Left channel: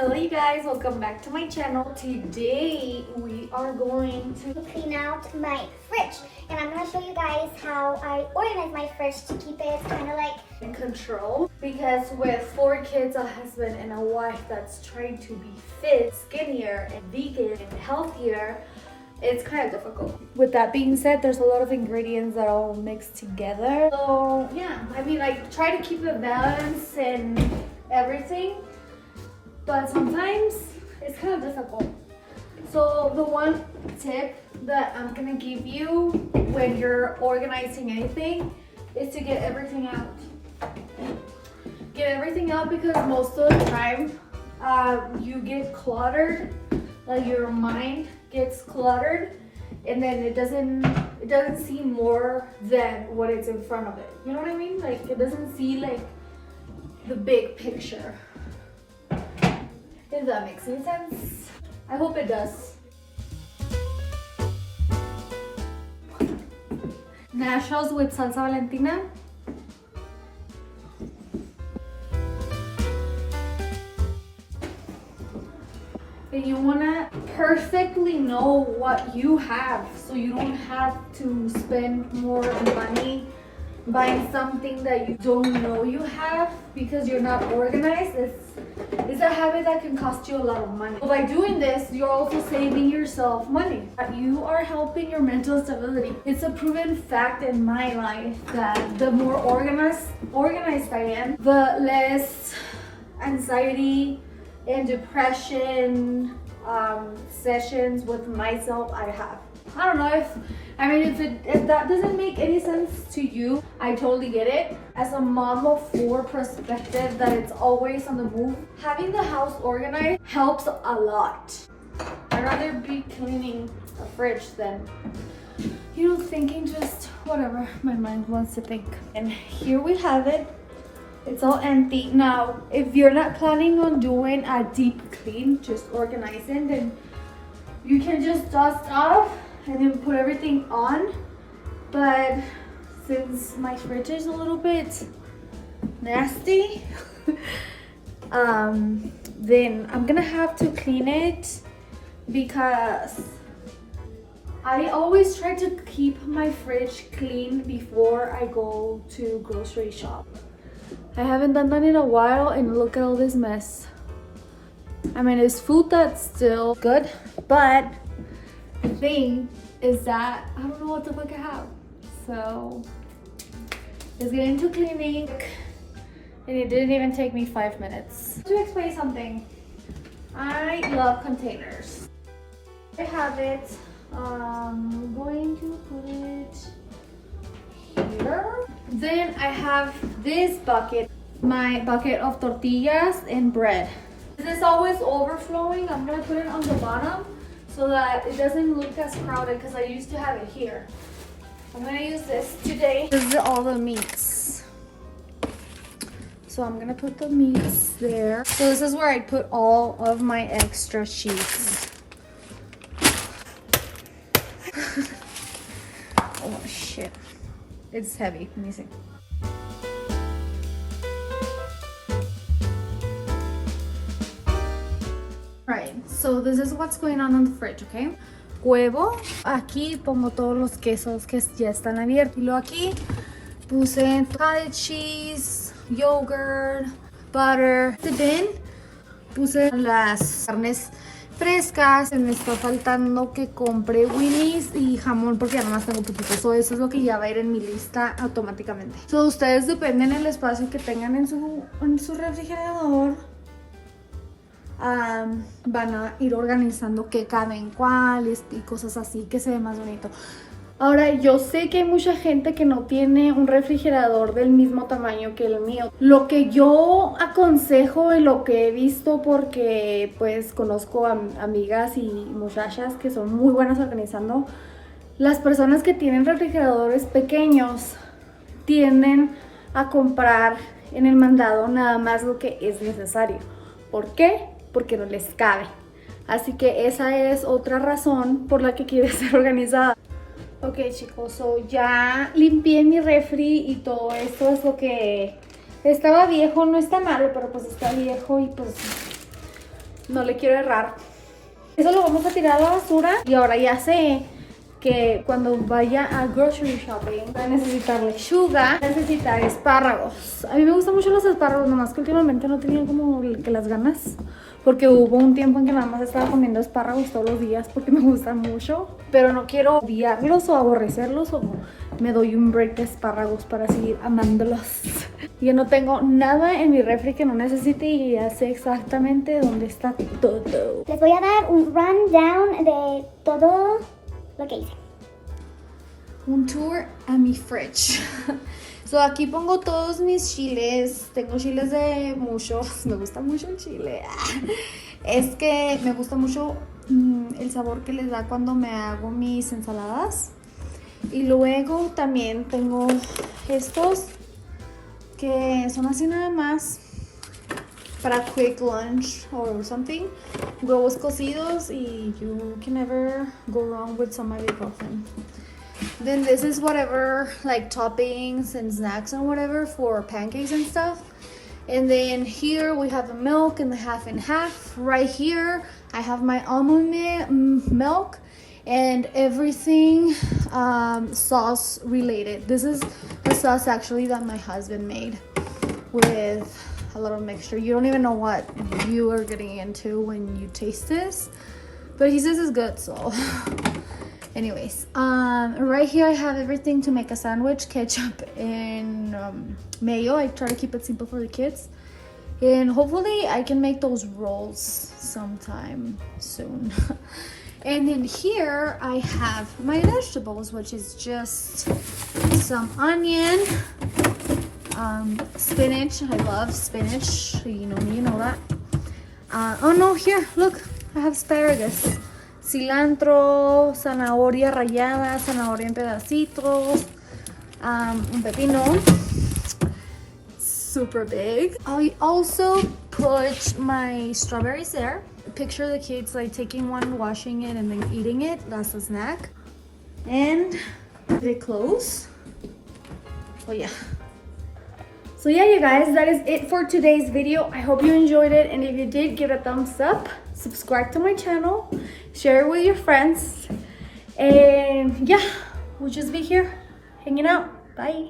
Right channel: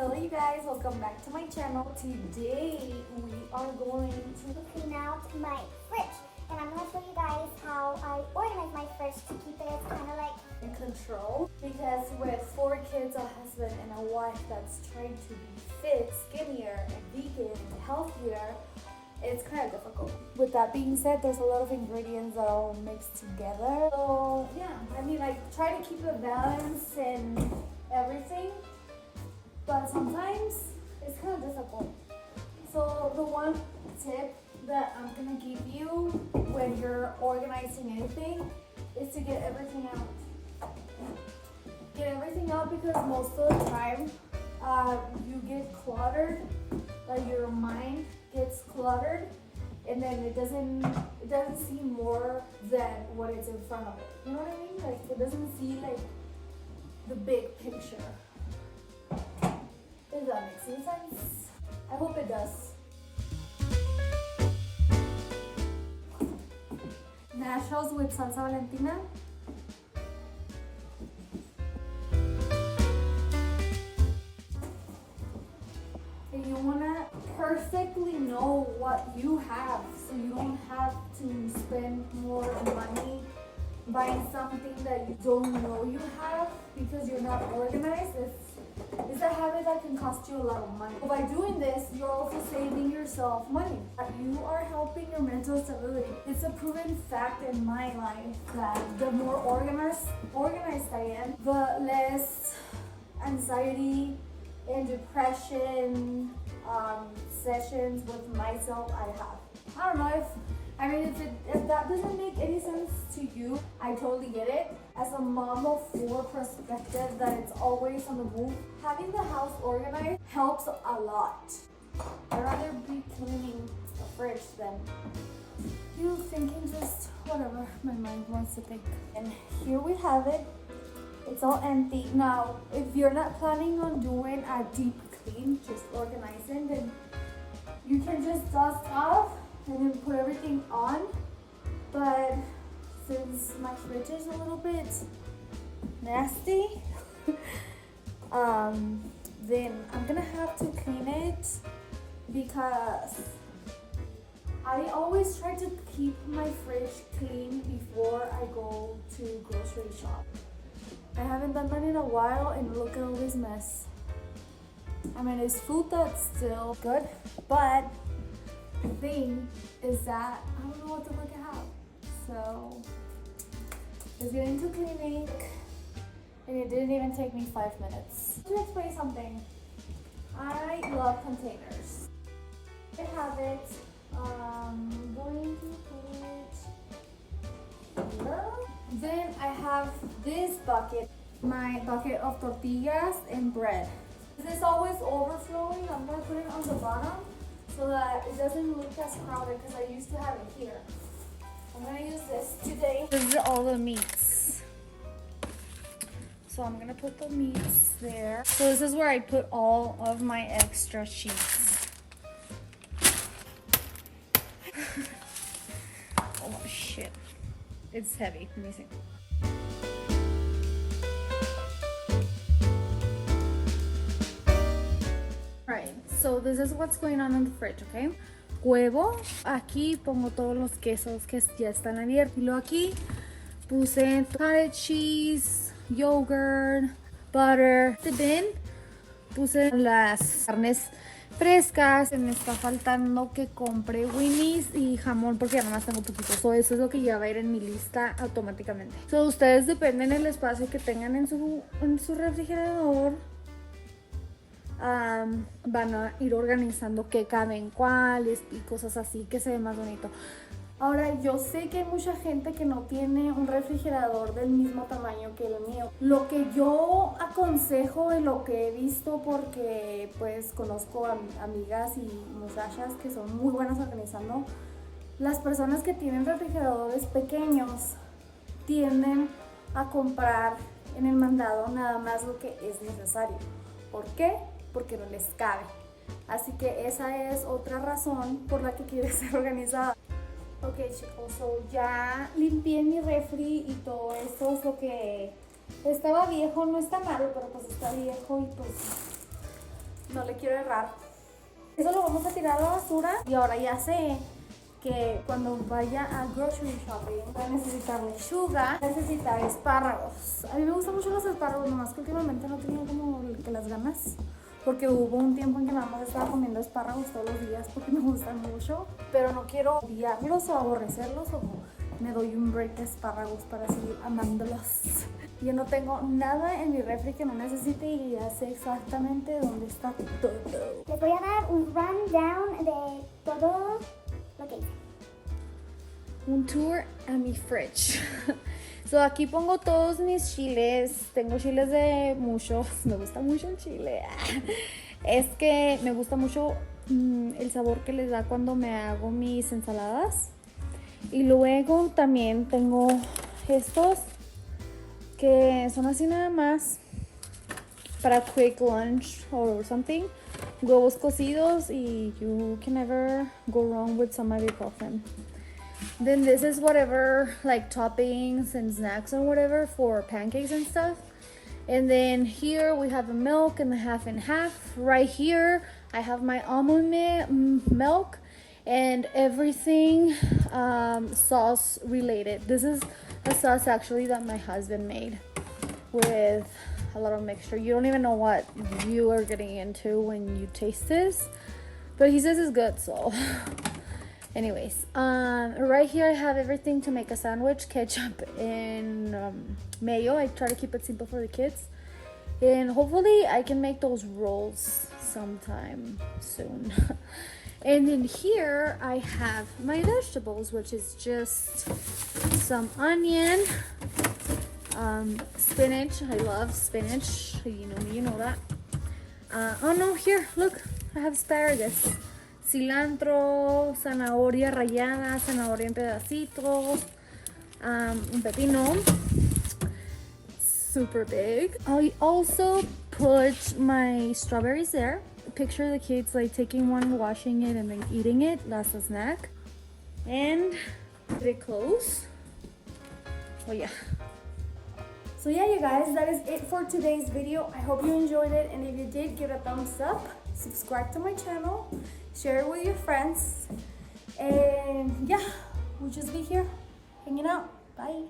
Hello you guys, welcome back to my channel. Today we are going to clean out my fridge, and I'm going to show you guys how I organize my fridge to keep it kind of like in control, because with 4 kids, a husband and a wife that's trying to be fit, skinnier and vegan and healthier, it's kind of difficult. With that being said, there's a lot of ingredients that all mix together. So yeah, I mean, like, try to keep a balance and everything, but sometimes it's kind of difficult. So the one tip that I'm gonna give you when you're organizing anything is to get everything out. Get everything out, because most of the time you get cluttered, like your mind gets cluttered, and then it doesn't see more than what is in front of it. You know what I mean? Like, it doesn't see like the big picture. If that makes any sense. I hope it does. Nachos with salsa Valentina. And you wanna perfectly know what you have, so you don't have to spend more money buying something that you don't know you have because you're not organized. It's a habit that can cost you a lot of money. By doing this, you're also saving yourself money. You are helping your mental stability. It's a proven fact in my life that the more organized I am, the less anxiety and depression sessions with myself I have. I don't know if that doesn't make any sense to you, I totally get it. As a mom of 4 perspective that it's always on the move, having the house organized helps a lot. I'd rather be cleaning a fridge than, thinking just whatever my mind wants to think. And here we have it. It's all empty. Now, if you're not planning on doing a deep clean, just organizing, then you can just dust off and then put everything on. But since my fridge is a little bit nasty, then I'm gonna have to clean it, because I always try to keep my fridge clean before I go to grocery shop. I haven't done that in a while, and look at all this mess. I mean, it's food that's still good, but the thing is that I don't know what the fuck I have. So let's get into cleaning, and it didn't even take me 5 minutes. To explain something, I love containers. I have it. I'm going to put it here. Then I have this bucket, my bucket of tortillas and bread. This is always overflowing. I'm gonna put it on the bottom so that it doesn't look as crowded, because I used to have it here. I'm gonna use this today. This is all the meats. So I'm gonna put the meats there. So this is where I put all of my extra cheese. Oh shit. It's heavy. Let me see. Right, so this is what's going on the fridge, okay? Huevo. Aquí pongo todos los quesos que ya están abiertos. Y luego aquí puse cottage cheese, yogurt, butter. Then puse las carnes frescas. Me está faltando que compre Winnie's y jamón, porque además tengo poquito. So, eso es lo que ya va a ir en mi lista automáticamente. So, ustedes dependen del espacio que tengan en su refrigerador. Van a ir organizando qué cabe en cuáles y cosas así, que se ve más bonito. Ahora, yo sé que hay mucha gente que no tiene un refrigerador del mismo tamaño que el mío. Lo que yo aconsejo y lo que he visto, porque pues conozco amigas y muchachas que son muy buenas organizando, las personas que tienen refrigeradores pequeños tienden a comprar en el mandado nada más lo que es necesario. ¿Por qué? Porque no les cabe. Así que esa es otra razón por la que quiere ser organizada. Ok, chicos, so ya limpié mi refri y todo esto es lo que estaba viejo. No está malo, pero pues está viejo y pues no le quiero errar. Eso lo vamos a tirar a la basura. Y ahora ya sé que cuando vaya a grocery shopping va a necesitar lechuga, necesitar espárragos. A mí me gustan mucho los espárragos, nomás que últimamente no tenía como que las ganas. Porque hubo un tiempo en que nada más estaba comiendo espárragos todos los días porque me gustan mucho. Pero no quiero odiarlos o aborrecerlos, o me doy un break de espárragos para seguir amándolos. Yo no tengo nada en mi refri que no necesite y ya sé exactamente dónde está todo. Les voy a dar un rundown de todo lo que hice. Un tour a mi fridge. So, aquí pongo todos mis chiles. Tengo chiles de mucho. Me gusta mucho el chile. Es que me gusta mucho el sabor que les da cuando me hago mis ensaladas. Y luego también tengo estos que son así nada más para quick lunch or something. Huevos cocidos y you can never go wrong with some ibuprofen. Then this is whatever, like toppings and snacks and whatever for pancakes and stuff. And then here we have the milk and the half and half. Right here I have my almond milk and everything sauce related. This is the sauce actually that my husband made with a lot of mixture. You don't even know what you are getting into when you taste this, but he says it's good, so anyways, right here I have everything to make a sandwich: ketchup and mayo. I try to keep it simple for the kids, and hopefully I can make those rolls sometime soon. And then here I have my vegetables, which is just some onion, spinach. I love spinach, you know that. Oh no, here, look, I have asparagus, cilantro, zanahoria rallada, zanahoria en pedacitos, un pepino, super big. I also put my strawberries there. Picture the kids like taking one, washing it, and then eating it. That's a snack. And they close. Oh yeah. So yeah, you guys, that is it for today's video. I hope you enjoyed it, and if you did, give it a thumbs up, subscribe to my channel, share it with your friends, and yeah, we'll just be here hanging out. Bye.